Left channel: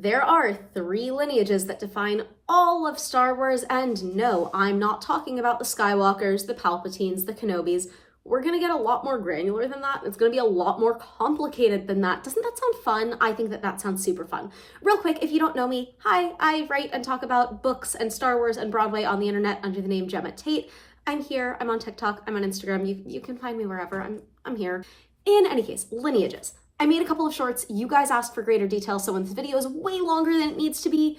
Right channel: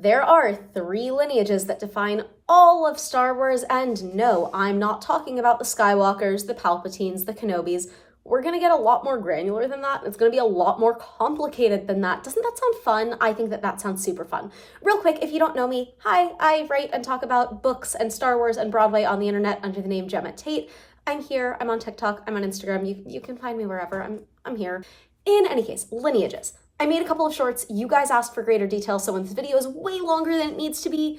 There are 3 lineages that define all of Star Wars, and no, I'm not talking about the Skywalkers, the Palpatines, the Kenobis. We're gonna get a lot more granular than that. It's gonna be a lot more complicated than that. Doesn't that sound fun? I think that sounds super fun. Real quick, if you don't know me, hi, I write and talk about books and Star Wars and Broadway on the internet under the name Gemma Tate. I'm here, I'm on TikTok, I'm on Instagram. You can find me wherever, I'm here. In any case, lineages. I made a couple of shorts. You guys asked for greater detail, so when this video is way longer than it needs to be,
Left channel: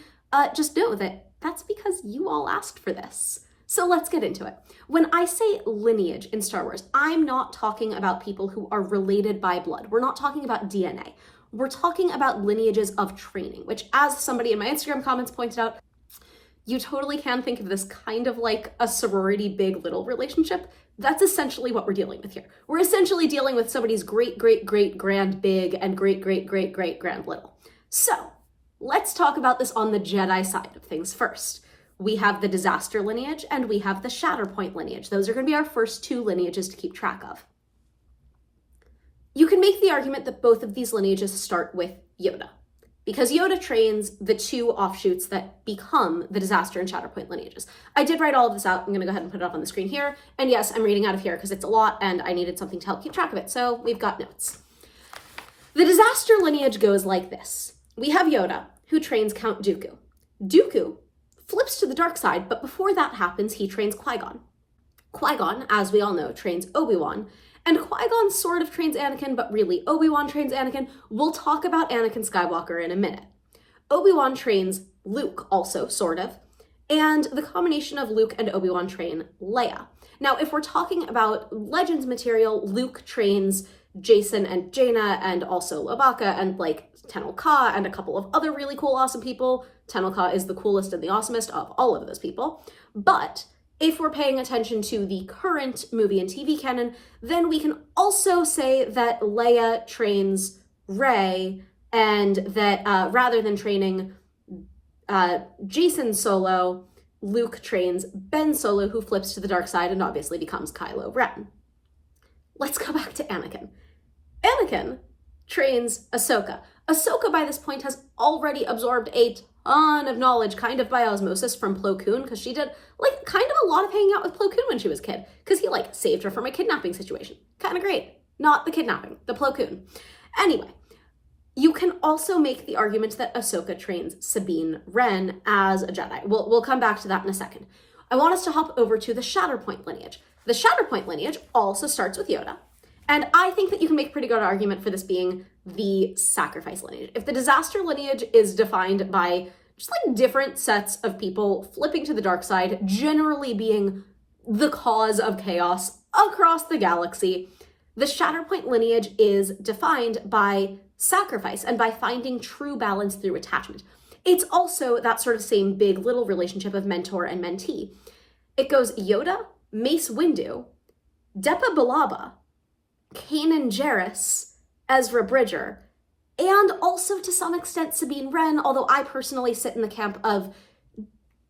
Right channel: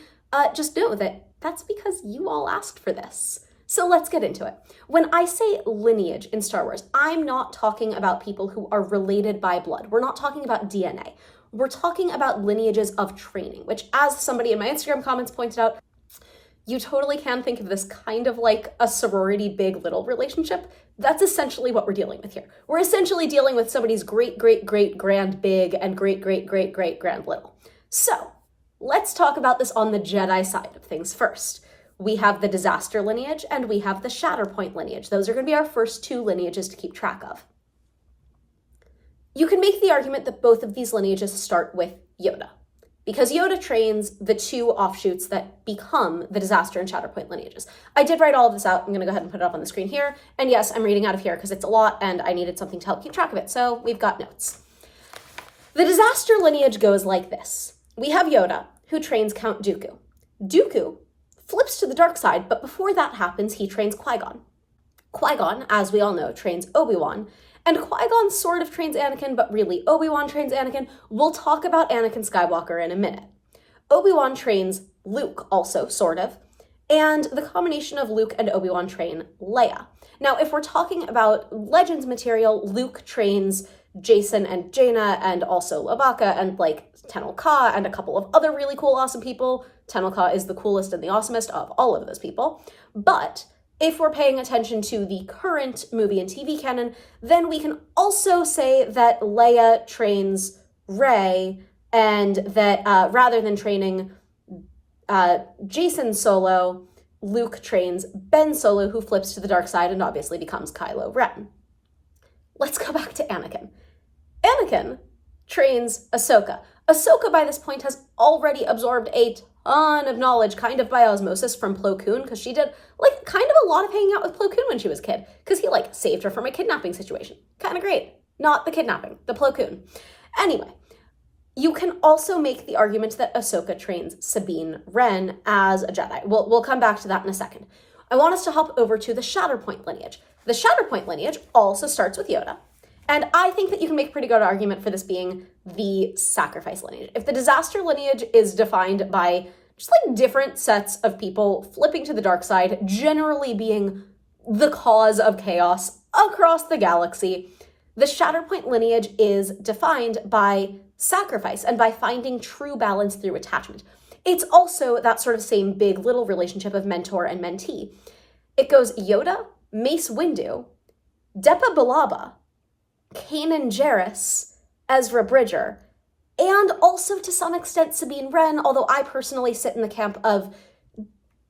just know that that's because you all asked for this. So let's get into it. When I say lineage in Star Wars, I'm not talking about people who are related by blood. We're not talking about DNA. We're talking about lineages of training, which, as somebody in my Instagram comments pointed out, you totally can think of this kind of like a sorority big little relationship. That's essentially what we're dealing with here. We're essentially dealing with somebody's great, great, great, grand big and great, great, great, great, grand little. So let's talk about this on the Jedi side of things first. We have the disaster lineage and we have the shatterpoint lineage. Those are going to be our first 2 lineages to keep track of. You can make the argument that both of these lineages start with Yoda, because Yoda trains the 2 offshoots that become the disaster and shatterpoint lineages. I did write all of this out. I'm going to go ahead and put it up on the screen here. And yes, I'm reading out of here because it's a lot and I needed something to help keep track of it. So we've got notes. The disaster lineage goes like this. We have Yoda, who trains Count Dooku. Dooku flips to the dark side, but before that happens, he trains Qui-Gon. Qui-Gon, as we all know, trains Obi-Wan, and Qui-Gon sort of trains Anakin, but really Obi-Wan trains Anakin. We'll talk about Anakin Skywalker in a minute. Obi-Wan trains Luke also, sort of, and the combination of Luke and Obi-Wan train Leia. Now, if we're talking about Legends material, Luke trains Jason and Jaina and also Lobaka and like Tenel Ka and a couple of other really cool, awesome people. Tenel Ka is the coolest and the awesomest of all of those people. But if we're paying attention to the current movie and TV canon, then we can also say that Leia trains Rey, and that rather than training Jason Solo, Luke trains Ben Solo, who flips to the dark side and obviously becomes Kylo Ren. Let's go back to Anakin. Anakin trains Ahsoka. Ahsoka by this point has already absorbed a ton of knowledge, kind of by osmosis, from Plo Koon, because she did like kind of a lot of hanging out with Plo Koon when she was a kid, because he like saved her from a kidnapping situation. Kind of great. Not the kidnapping, the Plo Koon. Anyway, you can also make the argument that Ahsoka trains Sabine Wren as a Jedi. We'll come back to that in a second. I want us to hop over to the Shatterpoint lineage. The Shatterpoint lineage also starts with Yoda. And I think that you can make a pretty good argument for this being the sacrifice lineage. If the disaster lineage is defined by just like different sets of people flipping to the dark side, generally being the cause of chaos across the galaxy, the Shatterpoint lineage is defined by sacrifice and by finding true balance through attachment. It's also that sort of same big little relationship of mentor and mentee. It goes Yoda, Mace Windu, Depa Billaba, Kanan Jarrus, Ezra Bridger, and also to some extent Sabine Wren, although I personally sit in the camp of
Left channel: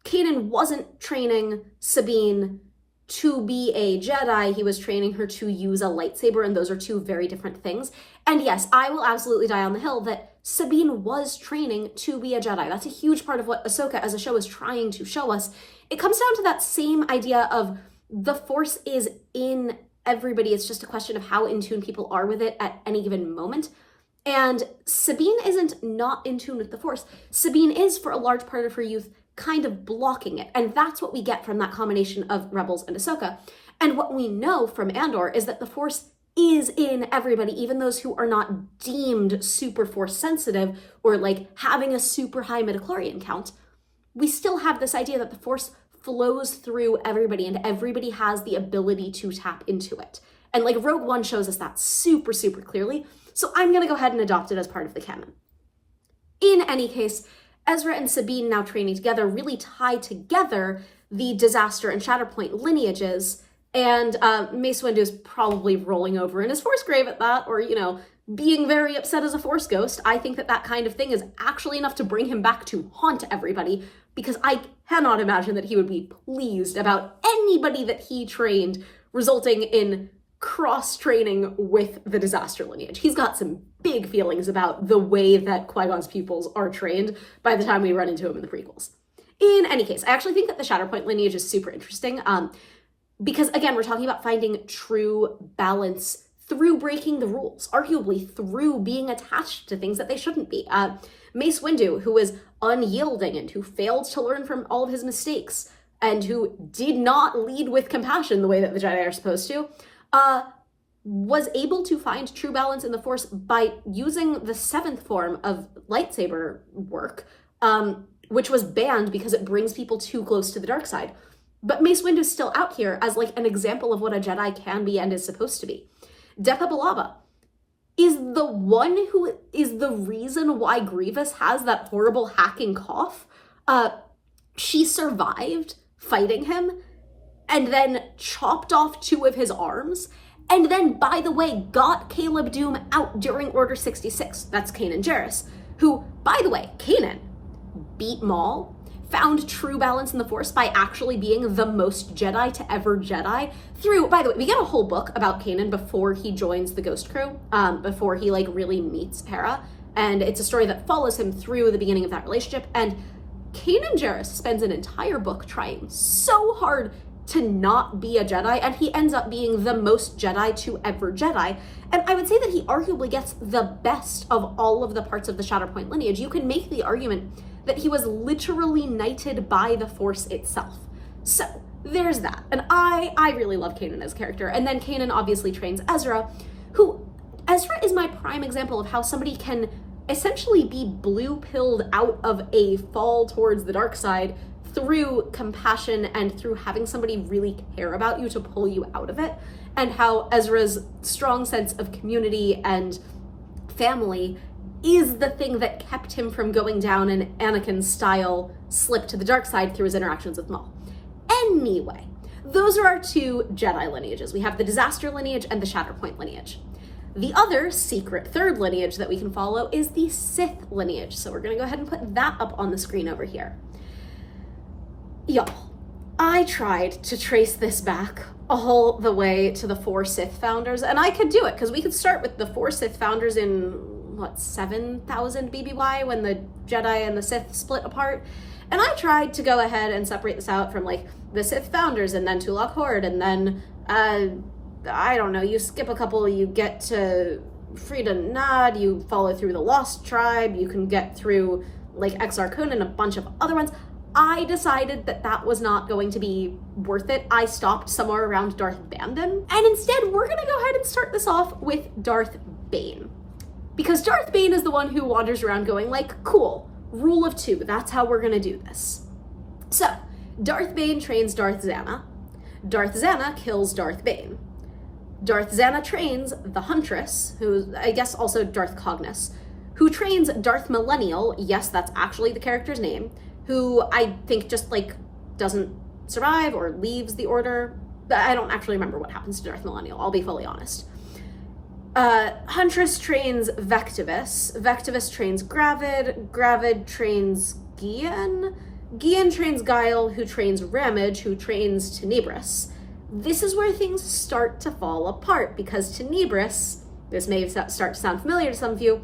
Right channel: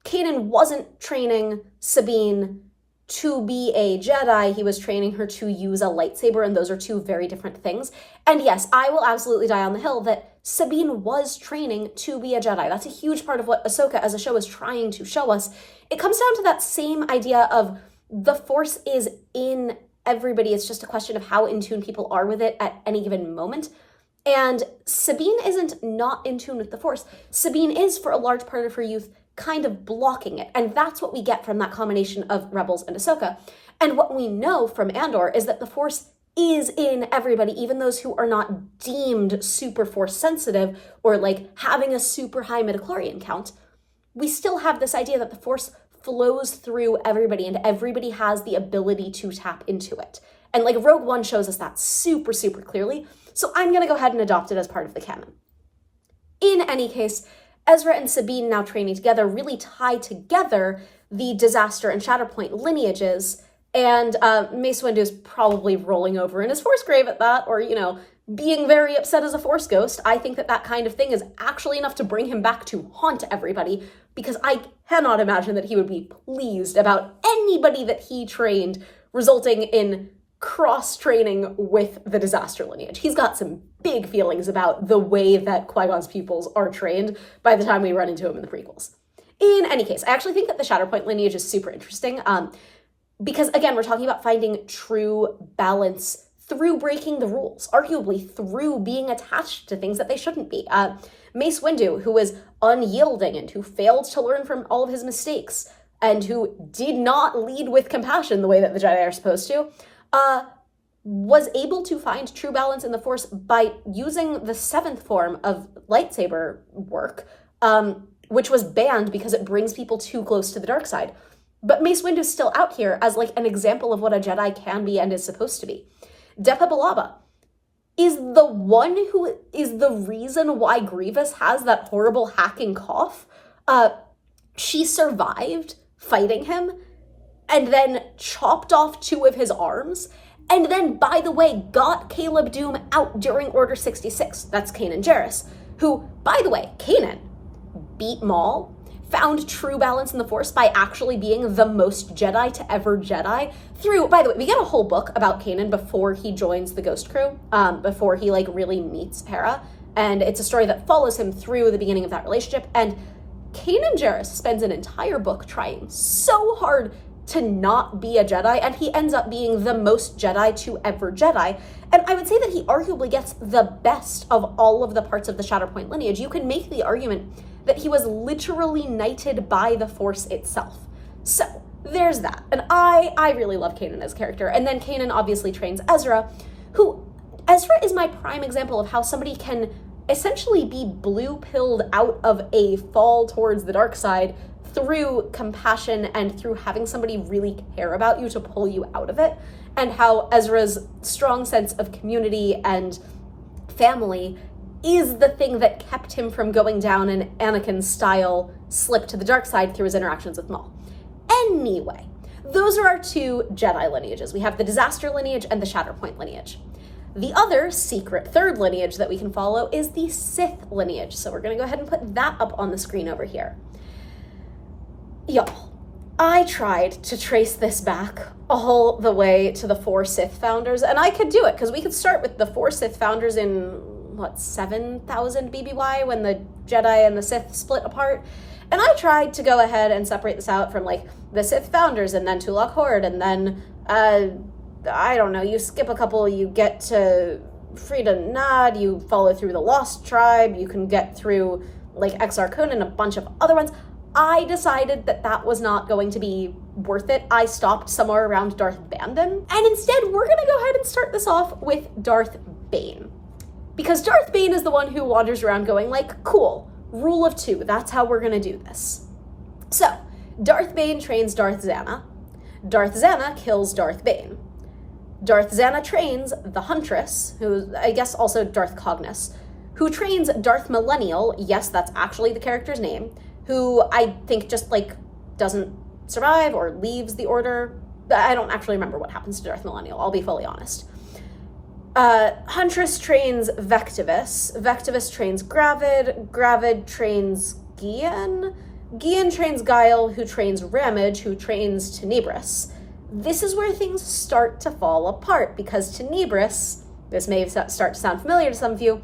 Kanan wasn't training Sabine to be a Jedi, he was training her to use a lightsaber, and those are 2 very different things. And yes, I will absolutely die on the hill that Sabine was training to be a Jedi. That's a huge part of what Ahsoka as a show is trying to show us. It comes down to that same idea of the Force is in everybody. It's just a question of how in tune people are with it at any given moment. And Sabine isn't not in tune with the Force. Sabine is, for a large part of her youth, kind of blocking it. And that's what we get from that combination of Rebels and Ahsoka. And what we know from Andor is that the Force is in everybody, even those who are not deemed super Force sensitive or like having a super high midichlorian count. We still have this idea that the Force flows through everybody and everybody has the ability to tap into it. And like Rogue One shows us that super, super clearly. So I'm going to go ahead and adopt it as part of the canon. In any case, Ezra and Sabine now training together really tie together the disaster and Shatterpoint lineages. And Mace Windu is probably rolling over in his Force grave at that, or, you know, being very upset as a Force ghost. I think that that kind of thing is actually enough to bring him back to haunt everybody, because I cannot imagine that he would be pleased about anybody that he trained resulting in cross-training with the disaster lineage. He's got some big feelings about the way that Qui-Gon's pupils are trained by the time we run into him in the prequels. In any case, I actually think that the Shatterpoint lineage is super interesting because, again, we're talking about finding true balance through breaking the rules, arguably through being attached to things that they shouldn't be. Mace Windu, who was unyielding and who failed to learn from all of his mistakes and who did not lead with compassion the way that the Jedi are supposed to, was able to find true balance in the Force by using the 7th form of lightsaber work, which was banned because it brings people too close to the dark side. But Mace Windu's still out here as like an example of what a Jedi can be and is supposed to be. Depa Billaba is the one who is the reason why Grievous has that horrible hacking cough. She survived fighting him and then chopped off 2 of his arms, and then, by the way, got Caleb Doom out during Order 66. That's Kanan Jarrus, who, by the way, Kanan beat Maul, found true balance in the Force by actually being the most Jedi to ever Jedi through, by the way, we get a whole book about Kanan before he joins the Ghost Crew, before he like really meets Hera, and it's a story that follows him through the beginning of that relationship, and Kanan Jarrus spends an entire book trying so hard to not be a Jedi, and he ends up being the most Jedi to ever Jedi. And I would say that he arguably gets the best of all of the parts of the Shatterpoint lineage. You can make the argument that he was literally knighted by the Force itself. So there's that. And I really love Kanan as a character. And then Kanan obviously trains Ezra, Ezra is my prime example of how somebody can essentially be blue-pilled out of a fall towards the dark side through compassion and through having somebody really care about you to pull you out of it, and how Ezra's strong sense of community and family is the thing that kept him from going down an Anakin-style slip to the dark side through his interactions with Maul. Anyway, those are our 2 Jedi lineages. We have the Disaster lineage and the Shatterpoint lineage. The other secret 3rd lineage that we can follow is the Sith lineage. So we're gonna go ahead and put that up on the screen over here. Y'all, I tried to trace this back all the way to the 4 Sith founders, and I could do it, because we could start with the 4 Sith founders in, 7,000 BBY, when the Jedi and the Sith split apart, and I tried to go ahead and separate this out from, like, the Sith founders, and then Tulak Horde, and then, I don't know, you skip a couple, you get to Frida Nad, you follow through the Lost Tribe, you can get through, like, Exar Kun and a bunch of other ones. I decided that that was not going to be worth it. I stopped somewhere around Darth Bandon. And instead, we're gonna go ahead and start this off with Darth Bane. Because Darth Bane is the one who wanders around going like, cool, rule of 2, that's how we're gonna do this. So, Darth Bane trains Darth Zana. Darth Zana kills Darth Bane. Darth Zana trains the Huntress, who I guess also Darth Cognis, who trains Darth Millennial, yes, that's actually the character's name, who I think just, like, doesn't survive or leaves the Order. I don't actually remember what happens to Darth Millennial, I'll be fully honest. Huntress trains Vectivus. Vectivus trains Gravid. Gravid trains Gian. Gian trains Guile, who trains Ramage, who trains Tenebris. This is where things start to fall apart, because Tenebris, this may start to sound familiar to some of you,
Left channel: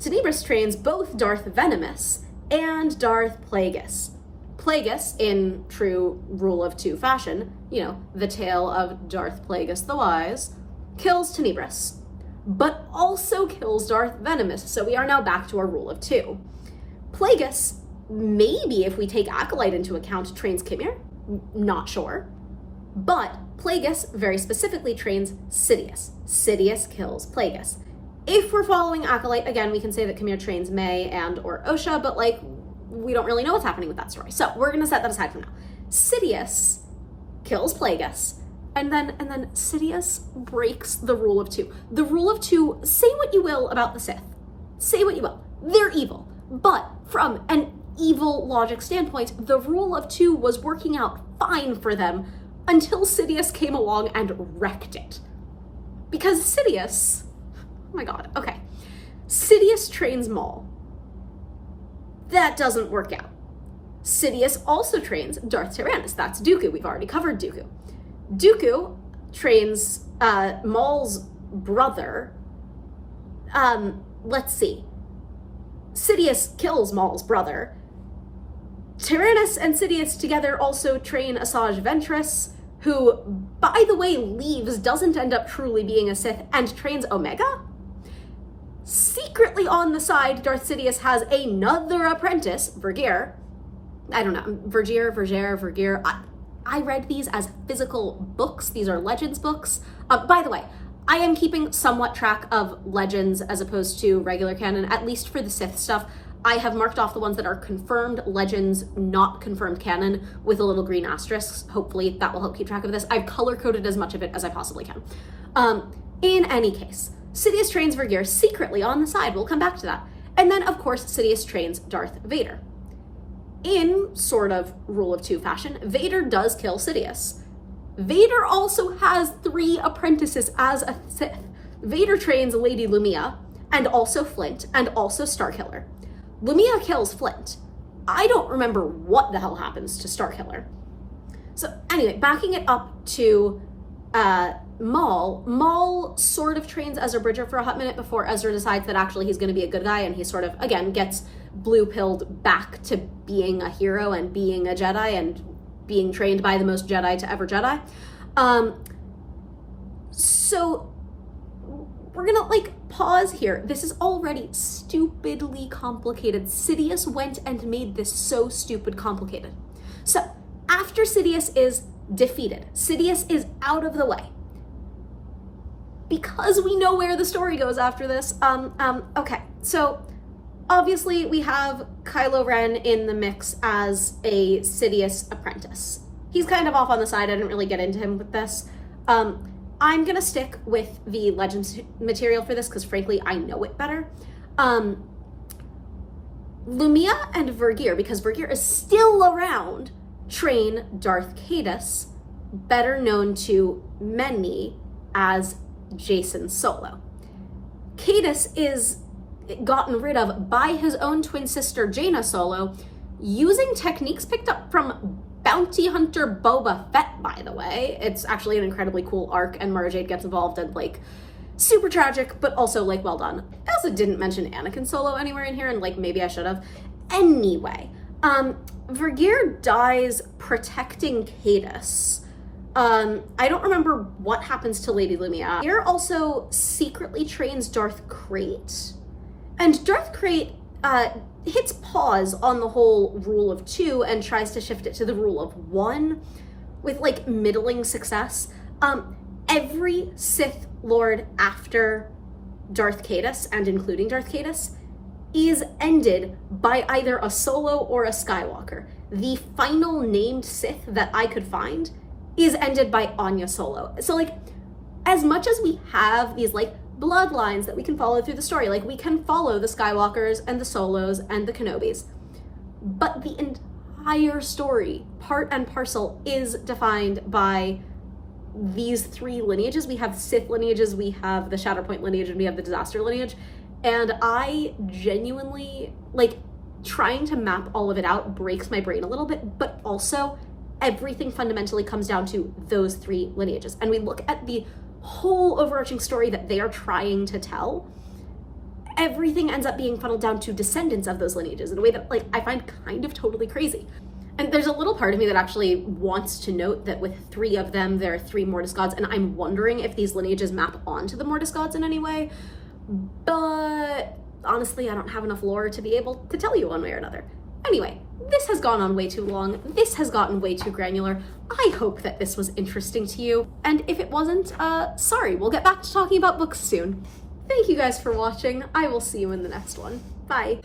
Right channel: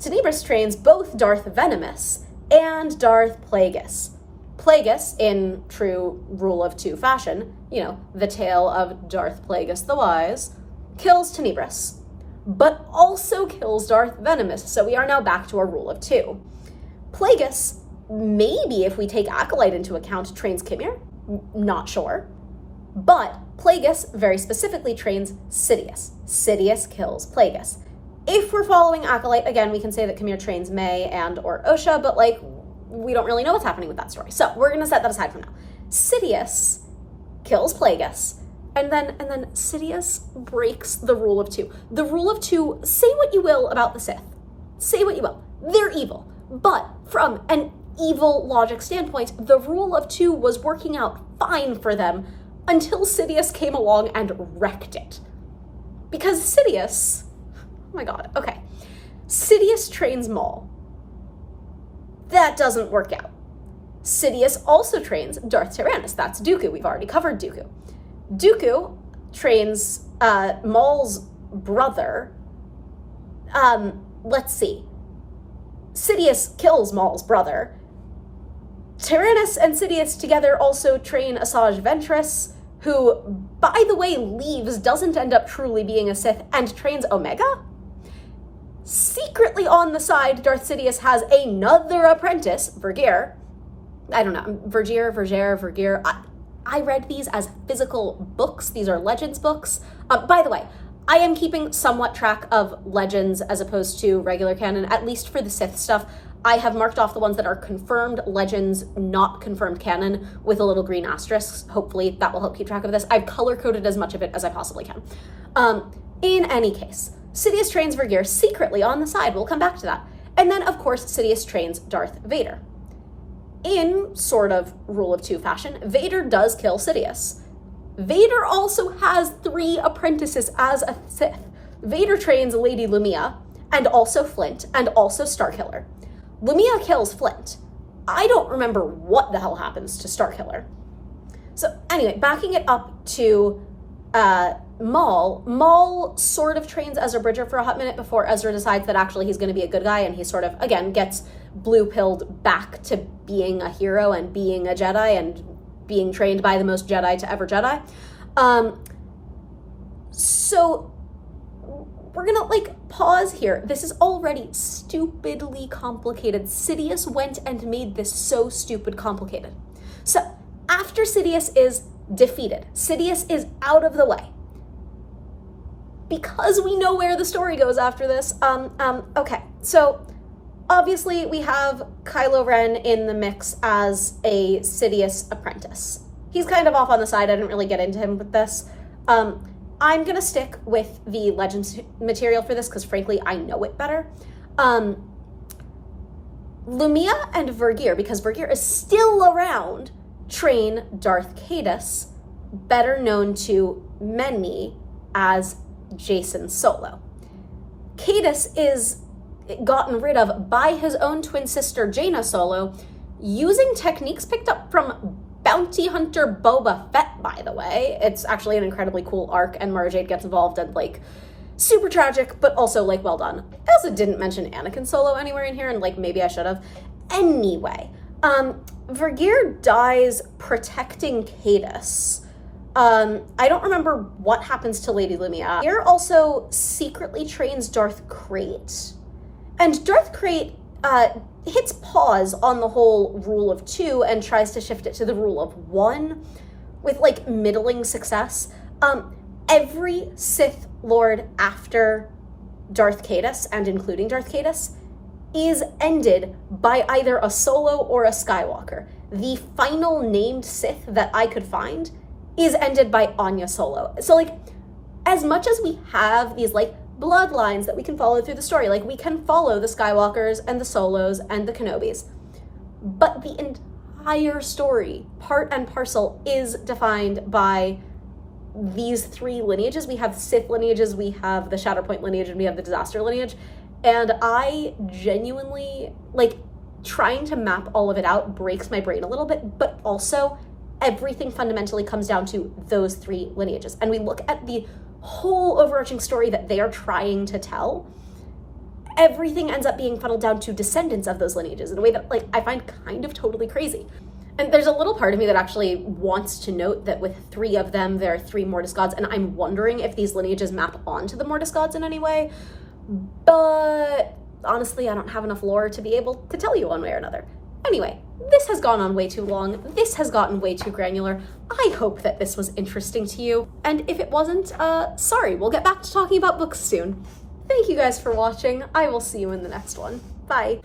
Tenebris trains both Darth Venomous and Darth Plagueis. Plagueis, in true rule of 2 fashion, you know, the tale of Darth Plagueis the Wise, kills Tenebris, but also kills Darth Venomous, so we are now back to our rule of 2. Plagueis, maybe if we take Acolyte into account, trains Kimir, not sure, but Plagueis very specifically trains Sidious. Sidious kills Plagueis. If we're following Acolyte, again, we can say that Kimir trains May and or Osha, but like, we don't really know what's happening with that story. So we're gonna set that aside for now. Sidious kills Plagueis, and then Sidious breaks the rule of 2. The rule of 2, say what you will about the Sith. Say what you will. They're evil. But from an evil logic standpoint, the rule of 2 was working out fine for them until Sidious came along and wrecked it. Because Sidious, oh my god, okay. Sidious trains Maul. That doesn't work out. Sidious also trains Darth Tyrannus. That's Dooku. We've already covered Dooku. Dooku trains Maul's brother, let's see. Sidious kills Maul's brother. Tyrannus and Sidious together also train Asajj Ventress, who, by the way, leaves, doesn't end up truly being a Sith, and trains Omega? Secretly on the side, Darth Sidious has another apprentice, Vergere. I don't know, Vergere. I read these as physical books. These are Legends books. By the way, I am keeping somewhat track of Legends as opposed to regular canon, at least for the Sith stuff. I have marked off the ones that are confirmed Legends, not confirmed canon, with a little green asterisk. Hopefully that will help keep track of this. I've color-coded as much of it as I possibly can. In any case, Sidious trains Vergere secretly on the side. We'll come back to that. And then, of course, Sidious trains Darth Vader. In sort of rule of two fashion, Vader does kill Sidious. Vader also has 3 apprentices as a Sith. Vader trains Lady Lumia, and also Flint, and also Starkiller. Lumia kills Flint. I don't remember what the hell happens to Starkiller. So anyway, backing it up to Maul sort of trains Ezra Bridger for a hot minute before Ezra decides that actually he's going to be a good guy, and he sort of, again, gets blue-pilled back to being a hero and being a Jedi and being trained by the most Jedi to ever Jedi. So we're gonna pause here. This is already stupidly complicated. Sidious went and made this so stupid complicated. So after Sidious is defeated, Sidious is out of the way. Because we know where the story goes after this, okay, so obviously we have Kylo Ren in the mix as a Sidious apprentice. He's kind of off on the side. I didn't really get into him with this. I'm gonna stick with the Legends material for this because frankly, I know it better. Lumia and Vergere, because Vergere is still around, train Darth Caedus, better known to many as Jacen Solo. Caedus is gotten rid of by his own twin sister Jaina Solo, using techniques picked up from bounty hunter Boba Fett, by the way. It's actually an incredibly cool arc, and Mara Jade gets involved, and super tragic, but also well done. I also didn't mention Anakin Solo anywhere in here, and maybe I should have. Anyway, Vergere dies protecting Caedus. I don't remember what happens to Lady Lumia. Vergere also secretly trains Darth Krayt. And Darth Krayt hits pause on the whole rule of 2 and tries to shift it to the rule of 1 with middling success. Every Sith Lord after Darth Caedus, and including Darth Caedus, is ended by either a Solo or a Skywalker. The final named Sith that I could find is ended by Anya Solo. So as much as we have these bloodlines that we can follow through the story, we can follow the Skywalkers and the Solos and the Kenobis, but the entire story, part and parcel, is defined by these 3 lineages. We have Sith lineages, we have the Shatterpoint lineage, and we have the Disaster lineage. And I genuinely, trying to map all of it out breaks my brain a little bit, but also everything fundamentally comes down to those 3 lineages. And we look at the whole overarching story that they are trying to tell, everything ends up being funneled down to descendants of those lineages in a way that I find kind of totally crazy. And there's a little part of me that actually wants to note that with 3 of them, there are 3 Mortis gods, and I'm wondering if these lineages map onto the Mortis gods in any way, but honestly, I don't have enough lore to be able to tell you one way or another. Anyway, this has gone on way too long. This has gotten way too granular. I hope that this was interesting to you. And if it wasn't, sorry, we'll get back to talking about books soon. Thank you guys for watching. I will see you in the next one. Bye.